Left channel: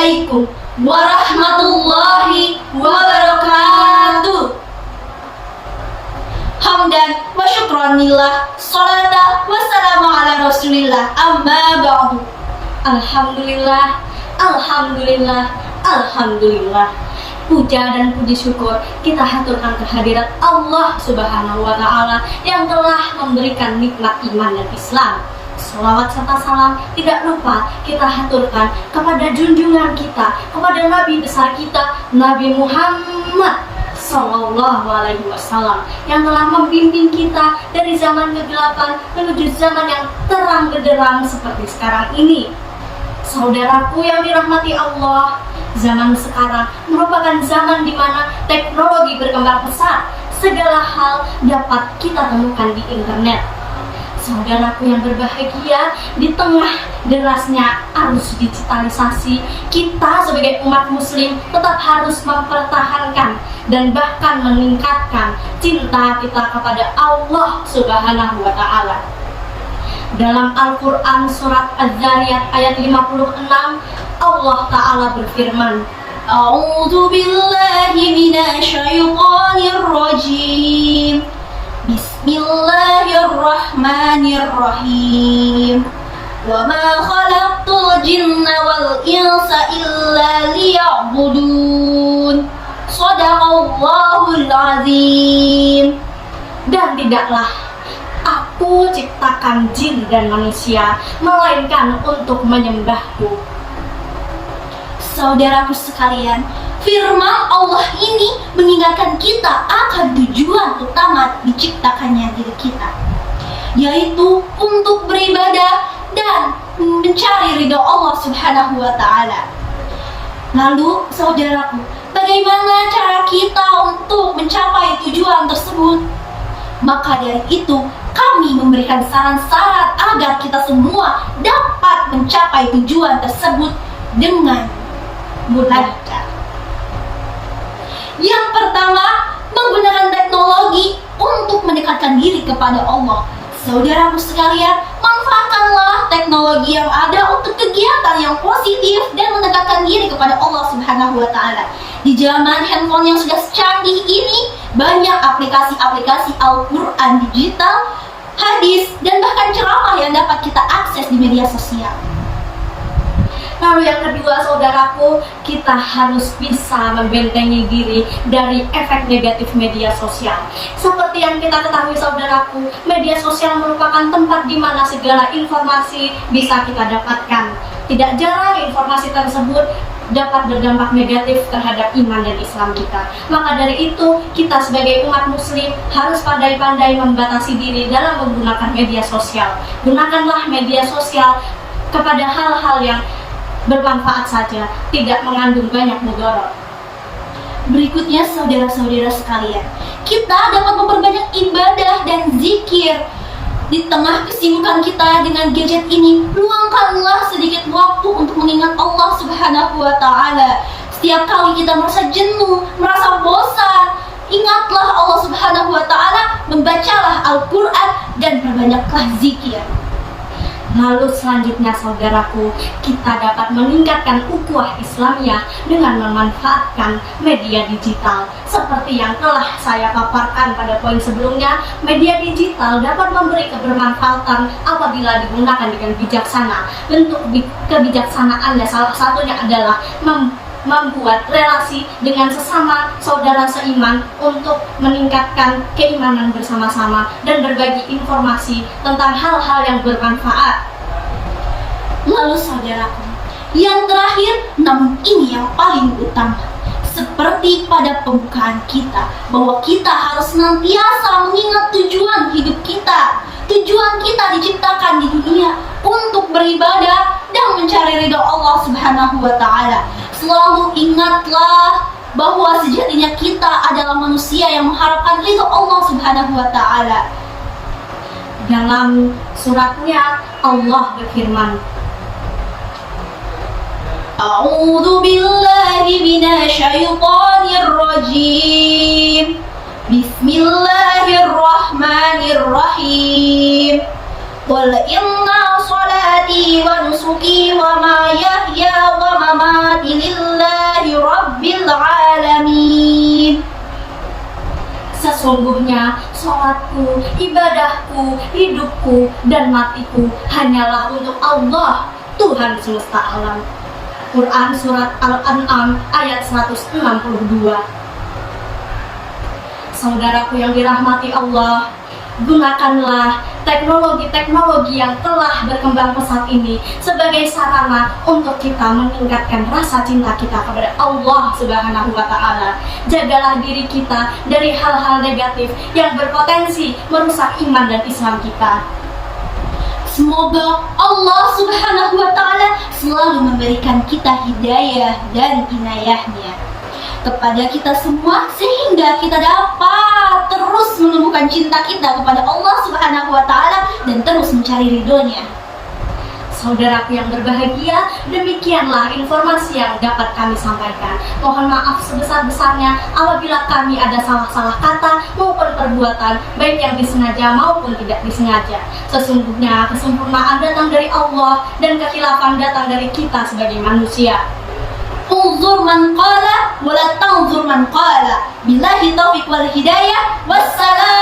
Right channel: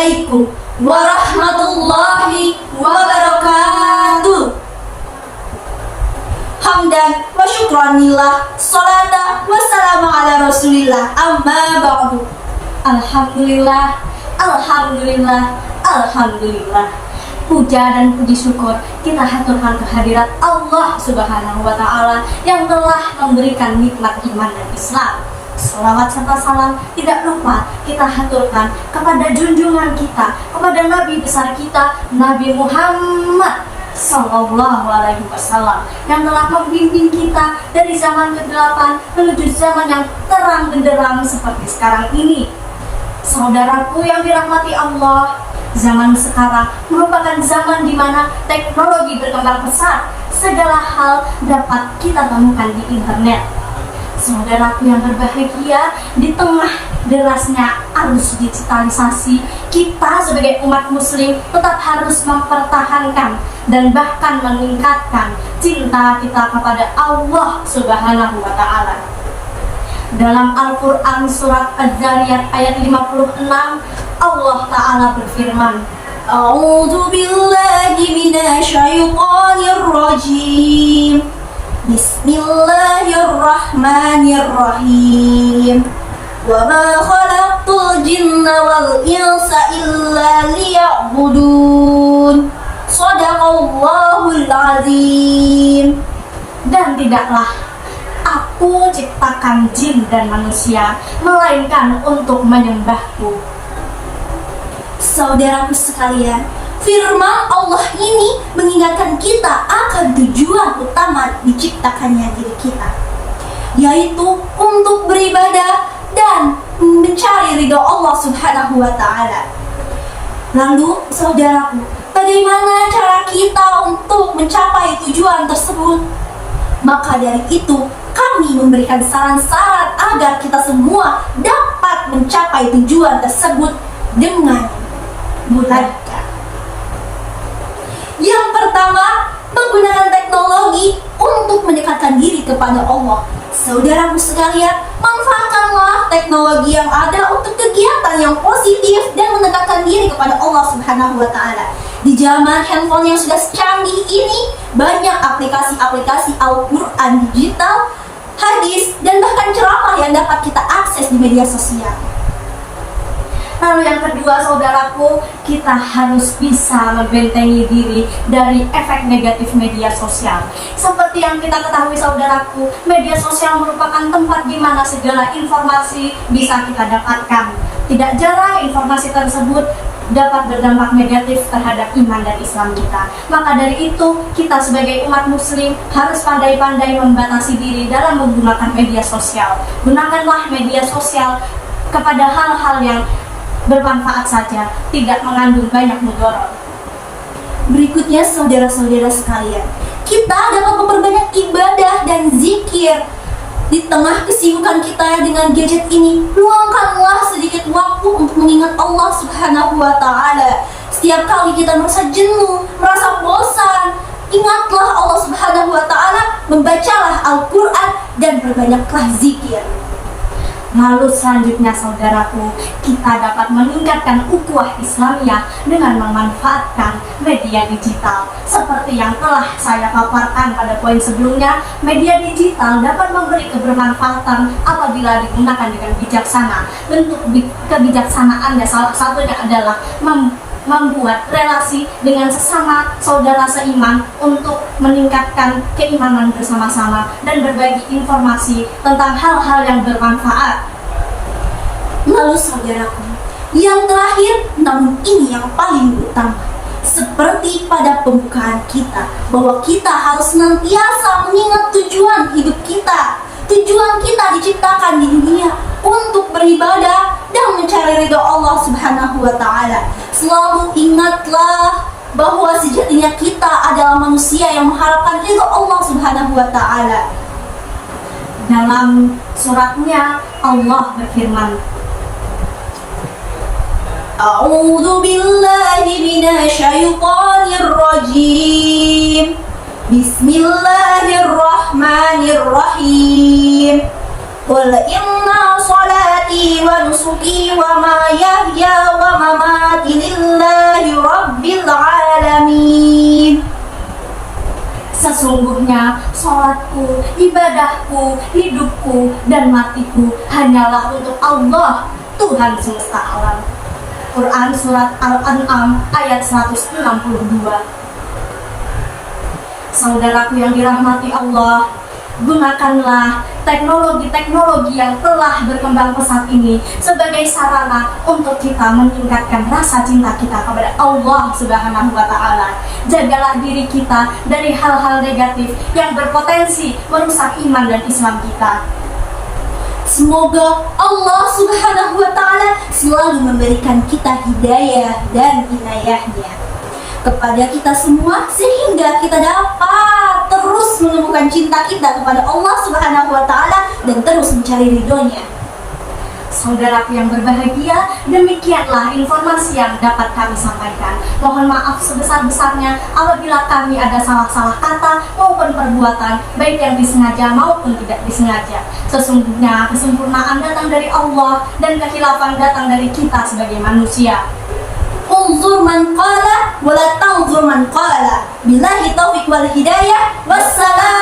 Assalamualaikum warahmatullahi wabarakatuh. Hamdan wa syukranillah, salata wassalamu ala rasulillah, amma ba'du. Alhamdulillah, alhamdulillah, alhamdulillah. Puja dan puji syukur kita haturkan kehadirat Allah Subhanahu wa Ta'ala yang telah memberikan nikmat iman dan Islam. Selawat serta salam tidak lupa kita haturkan kepada junjungan kita, kepada Nabi besar kita, Nabi Muhammad Sallallahu Alaihi Wasallam, yang telah membimbing kita dari zaman kegelapan menuju zaman yang terang benderang seperti sekarang ini. Saudaraku yang dirahmati Allah, zaman sekarang merupakan zaman di mana teknologi berkembang pesat. Segala hal dapat kita temukan di internet. Saudaraku yang berbahagia, di tengah derasnya arus digitalisasi, kita sebagai umat muslim tetap harus mempertahankan dan bahkan meningkatkan cinta kita kepada Allah Subhanahu wa Ta'ala. Dalam Al-Quran surat Az-Zariyat ayat 56, Allah Ta'ala berfirman, A'udzu billahi minasyaitonir rajim. Bismillahirrahmanirrahim. Wa ma khalaqtul jinna wal insa illa liya'budun. Shadaqallahul azim. Dan tidaklah Aku ciptakan jin dan manusia melainkan untuk menyembahku. Saudaraku sekalian, firman Allah ini mengingatkan kita akan tujuan utama diciptakannya diri kita, yaitu untuk beribadah dan mencari ridho Allah Subhanahu wa Ta'ala. Lalu saudaraku, bagaimana cara kita untuk mencapai tujuan tersebut? Maka dari itu kami memberikan saran-saran agar kita semua dapat mencapai tujuan tersebut dengan mudah. Yang pertama, menggunakan teknologi untuk mendekatkan diri kepada Allah. Saudaraku sekalian, manfaatkanlah teknologi yang ada untuk kegiatan yang positif dan mendekatkan diri kepada Allah Subhanahu wa Ta'ala. Di zaman handphone yang sudah canggih ini, banyak aplikasi-aplikasi Al-Quran digital, hadis, dan bahkan ceramah yang dapat kita akses di media sosial. Lalu yang kedua, saudaraku, kita harus bisa membentengi diri dari efek negatif media sosial. Seperti yang kita ketahui, saudaraku, media sosial merupakan tempat di mana segala informasi bisa kita dapatkan. Tidak jarang informasi tersebut dapat berdampak negatif terhadap iman dan Islam kita. Maka dari itu, kita sebagai umat muslim harus pandai-pandai membatasi diri dalam menggunakan media sosial. Gunakanlah media sosial kepada hal-hal yang bermanfaat saja, tidak mengandung banyak mudarat. Berikutnya, saudara-saudara sekalian, kita dapat memperbanyak ibadah dan zikir. Di tengah kesibukan kita dengan gadget ini, luangkanlah sedikit waktu untuk mengingat Allah Subhanahu wa Ta'ala. Setiap kali kita merasa jenuh, merasa bosan, ingatlah Allah Subhanahu wa Ta'ala, membacalah Al-Quran dan perbanyaklah zikir. Lalu selanjutnya, saudaraku, kita dapat meningkatkan ukhuwah Islamiyah dengan memanfaatkan media digital. Seperti yang telah saya paparkan pada poin sebelumnya, media digital dapat memberi kebermanfaatan apabila digunakan dengan bijaksana. Bentuk kebijaksanaannya salah satunya adalah membuat relasi dengan sesama saudara seiman untuk meningkatkan keimanan bersama-sama dan berbagi informasi tentang hal-hal yang bermanfaat. Lalu saudaraku, yang terakhir namun ini yang paling utama, seperti pada pembukaan kita, bahwa kita harus senantiasa mengingat tujuan hidup kita. Tujuan kita diciptakan di dunia untuk beribadah dan mencari ridho Allah Subhanahu wa Ta'ala. Selalu ingatlah bahwa sejatinya kita adalah manusia yang mengharapkan ridho Allah Subhanahu wa Ta'ala. Dalam suratnya Allah berfirman, A'udzu billahi minasyaitonir rajim. Bismillahirrahmanirrahim. Qul inna salati wa nusuki wa mahyaya wa mamati Sesungguhnya sholatku, ibadahku, hidupku, dan matiku hanyalah untuk Allah, Tuhan semesta alam. Quran Surat Al-An'am ayat 162. Saudaraku yang dirahmati Allah, gunakanlah teknologi-teknologi yang telah berkembang pesat ini sebagai sarana untuk kita meningkatkan rasa cinta kita kepada Allah Subhanahu wa Ta'ala. Jagalah diri kita dari hal-hal negatif yang berpotensi merusak iman dan Islam kita. Semoga Allah Subhanahu wa Ta'ala selalu memberikan kita hidayah dan inayahnya kepada kita semua, sehingga kita dapat terus menumbuhkan cinta kita kepada Allah Subhanahu wa Ta'ala dan terus mencari ridhonya. Saudaraku yang berbahagia, demikianlah informasi yang dapat kami sampaikan. Mohon maaf sebesar-besarnya apabila kami ada salah-salah kata maupun perbuatan, baik yang disengaja maupun tidak disengaja. Sesungguhnya kesempurnaan datang dari Allah dan kekhilafan datang dari kita sebagai manusia. Unzur man qala wa la tanzur man qala. Billahi taufiq wal hidayah. Wassalam.